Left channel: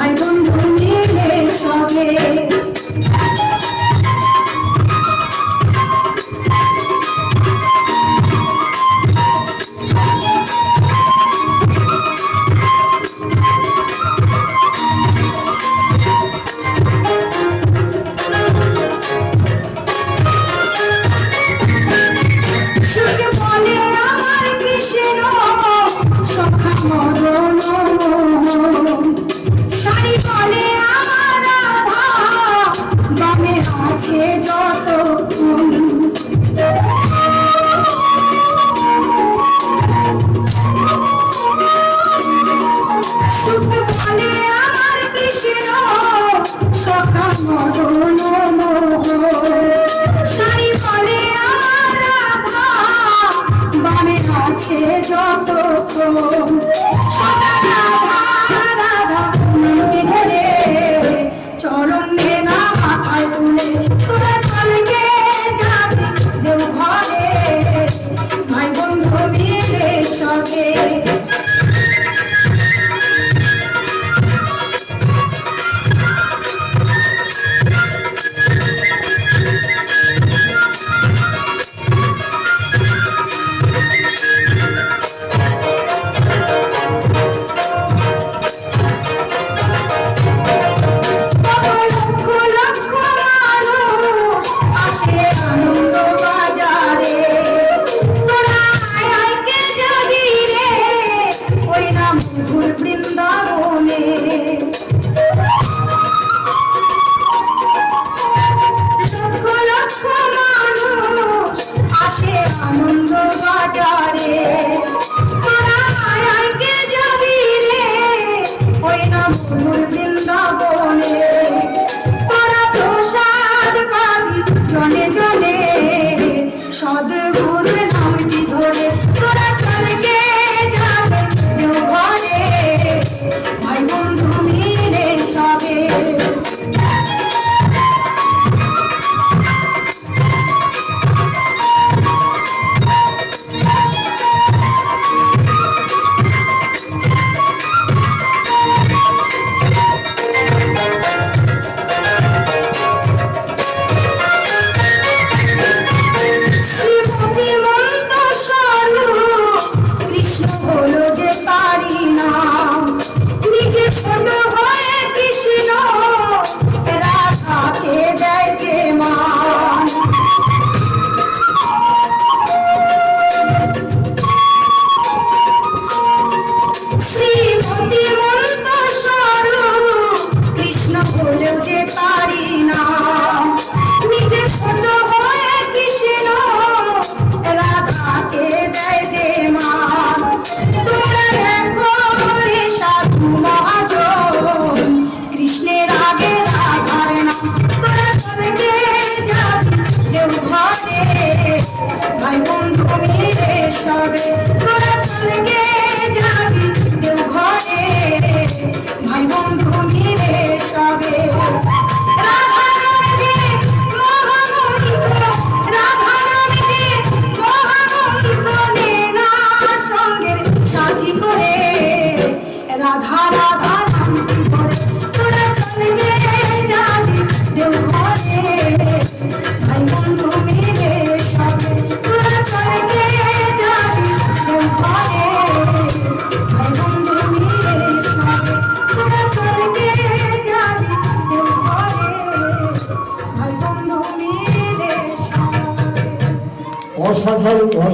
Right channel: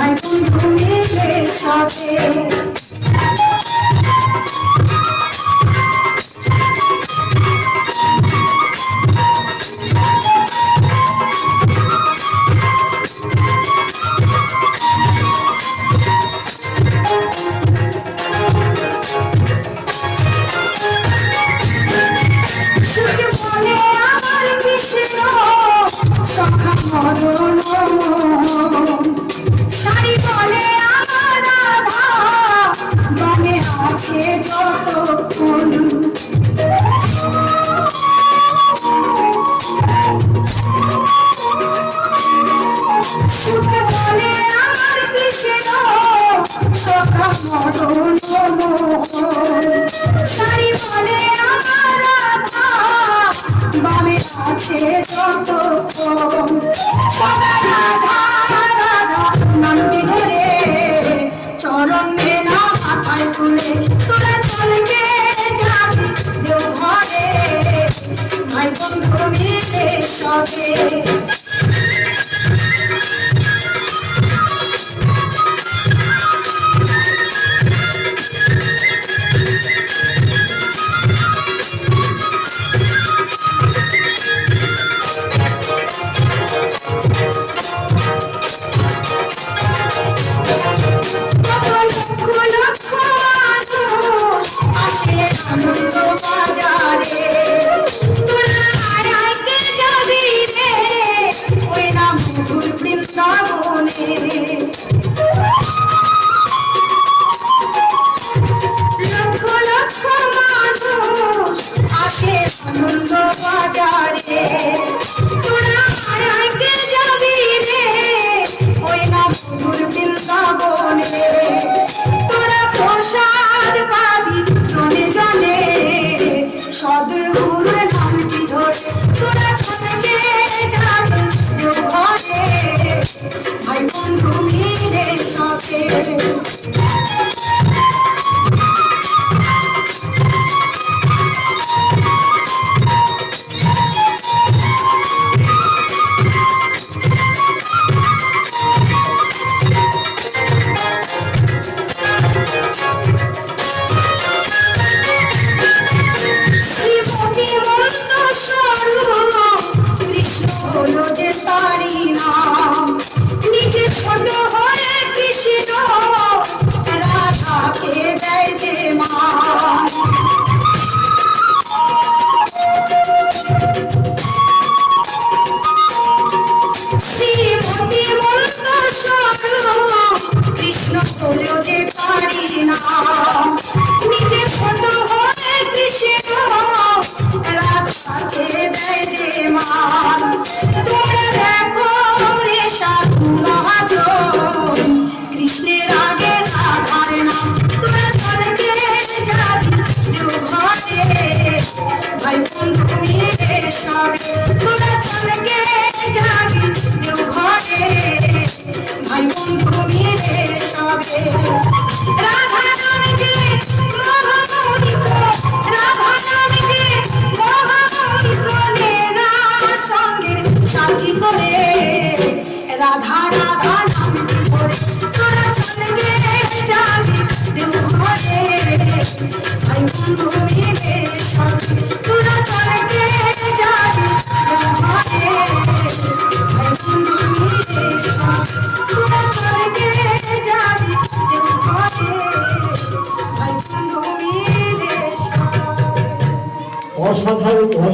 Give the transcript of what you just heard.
ভাই বন্ধু মিলে সবে আনন্দ বাজারে তোরা আগে যাবি রে ওই না মধুর বৃন্দাবনে তোরা প্রসাদ পাবি জলে জলে সদ্গুরুর নামটি ধরে তোরা চলকে যাবে ঘরে ভাই বন্ধু মিলে সবে রাধা রাধা নামটি ধরে তোরা চলে যাবি দেব ঘরে ভাই বন্ধু মিলে সবে তোরা চলে যাবি দেব ঘরে ভাই বন্ধু মিলে সবে তোরা চলে যাবি দেব ঘরে ভাই বন্ধু মিলে সবে।